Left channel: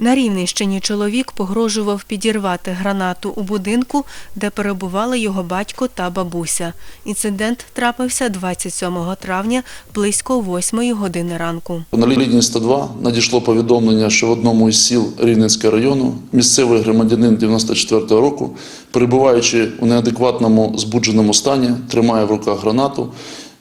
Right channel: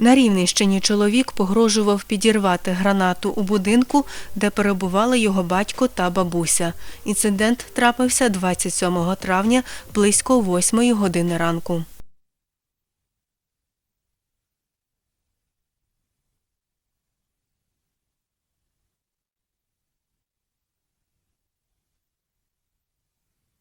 На Рівненщині чоловік погрожував підірвати гранату у будинку, де перебували його батько та бабуся. Інцидент трапився 27 травня близько 8 години ранку. На лінії 102 надійшло повідомлення, що в одному із сіл Рівненського району місцевий громадянин 94-го року, перебуваючи у неадекватному збудженому стані, тримає в руках гранату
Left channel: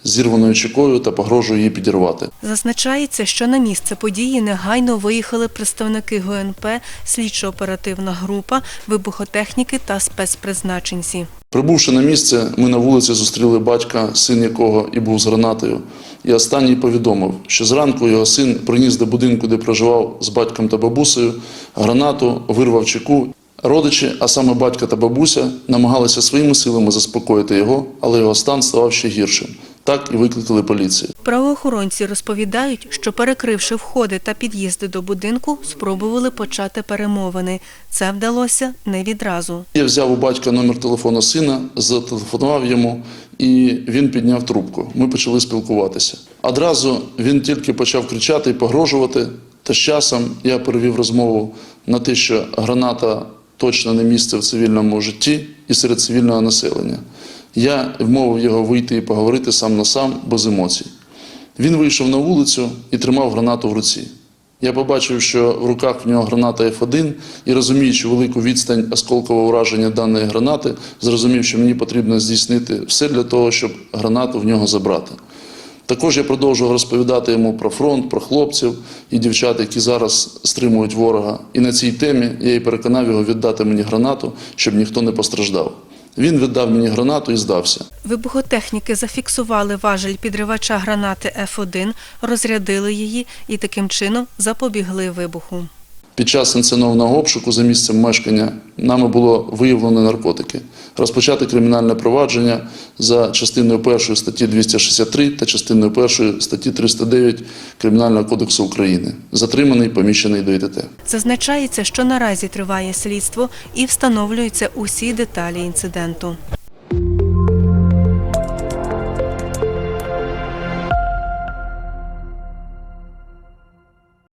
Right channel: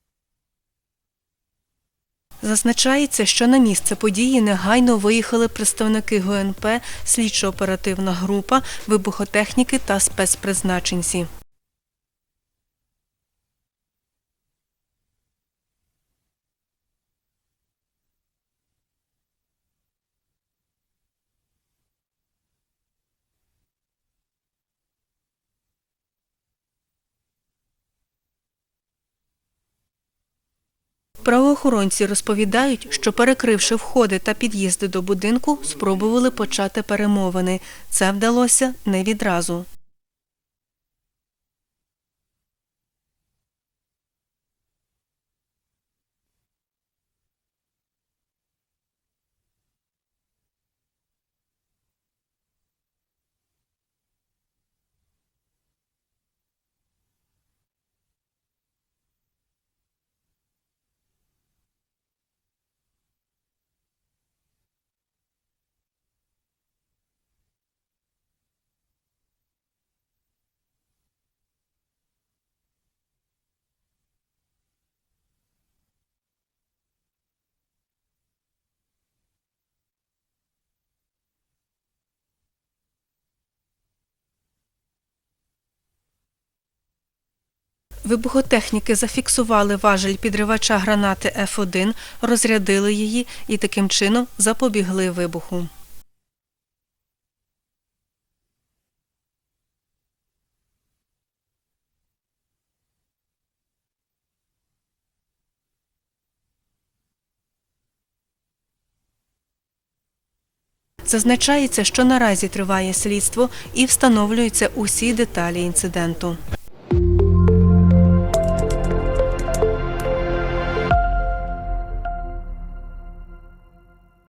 зірваною чекою та погрожує її підірвати. Зазначається, що на місце події негайно виїхали представники ГНП, слідчо-оперативна група, вибухотехніки та спецпризначенці. Прибувши на місце, ми на вулиці зустріли батька, син якого і був з гранатою. І останній повідомив, що зранку його син приніс до будинку, де проживав з батьком та бабусею, гранату, вирвав чеку. Родичі, а саме батька та бабуся, намагалися своїми силами заспокоїти його, але його стан ставав ще гіршим. Так і викликали поліцію. Правоохоронці розповідають, що перекривши входи та під'їзди до будинку, спробували почати перемовини. Це вдалося не відразу. Я взяв у батька номер телефону сина, зателефонував йому, і він підняв трубку. Ми почали спілкуватися. Одразу він тільки почав кричати і погрожувати. Та з часом я перевів розмову на те, що граната точно не місце в цивільному житті і серед цивільного населення. Я вмовив його вийти і поговорити сам на сам без емоцій. Він вийшов на вулицю і тримав гранату в руці. Я побачив, що в руках в нього граната F1 і розуміючи велику відстань осколкового ураження даної гранати, зрозумів, що мені потрібно здійснити все для того, щоб гранату в нього забрати. Також я продовжував розповідати йому про фронт, про хлопців і дівчат, які зараз стримують ворога. І на цій темі я і переконав його віддати мені гранату, щоб ніхто не постраждав. Він віддав мені гранату і здався. Вибухотехніки зафіксували важель підривача гранати F1, розрядили її і таким чином запобігли вибуху. Під час інсценованого обшуку за місцем мешкання нами було виявлено наркотики. Розпочати кримінальне провадження за частиною 1 статті 263 та частиною 1 статті 309 Кримінального кодексу України. Затриманий, поміщений до ІТТ. Зазначається, що наразі триває слідство і встановлюються усі деталі інциденту.